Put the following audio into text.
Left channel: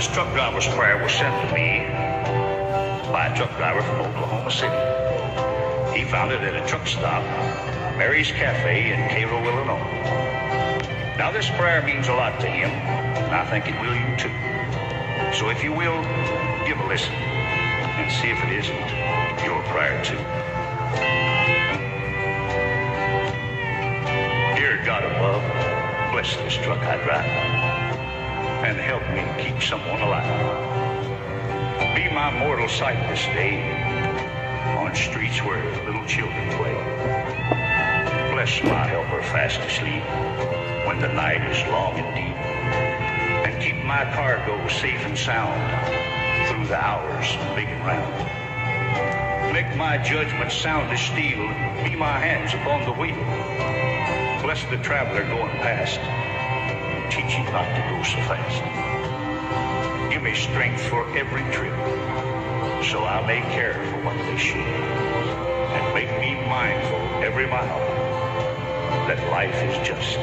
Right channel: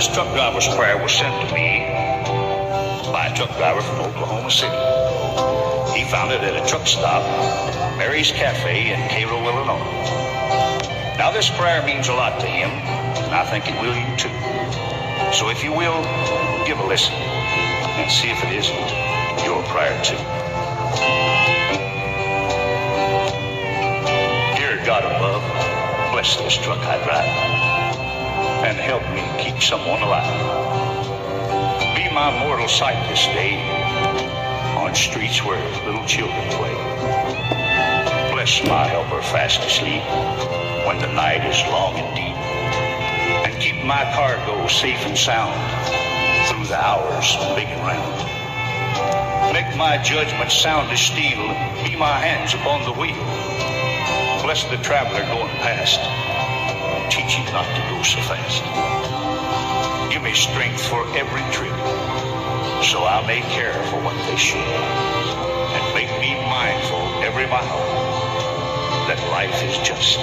this truck driver's prayer was sent to me by a truck driver from Oklahoma City. He found it at a truck stop, Mary's Cafe in Cairo, Illinois. Now, this prayer means a lot to him, and I think it will you too. So if you will, give a listen and see if it isn't your prayer too. Dear God above, bless this truck I drive and help me keep someone alive. Be my mortal sight this day on streets where little children play. Bless my helper fast asleep when the night is long and deep, and keep my cargo safe and sound through the hours big and round. Make my judgment sound as steel, be my hands upon the wheel. Bless the traveler going past, teach him not to go so fast. Give me strength for every trip, so I may care for what they should, and make me mindful every mile that life is just.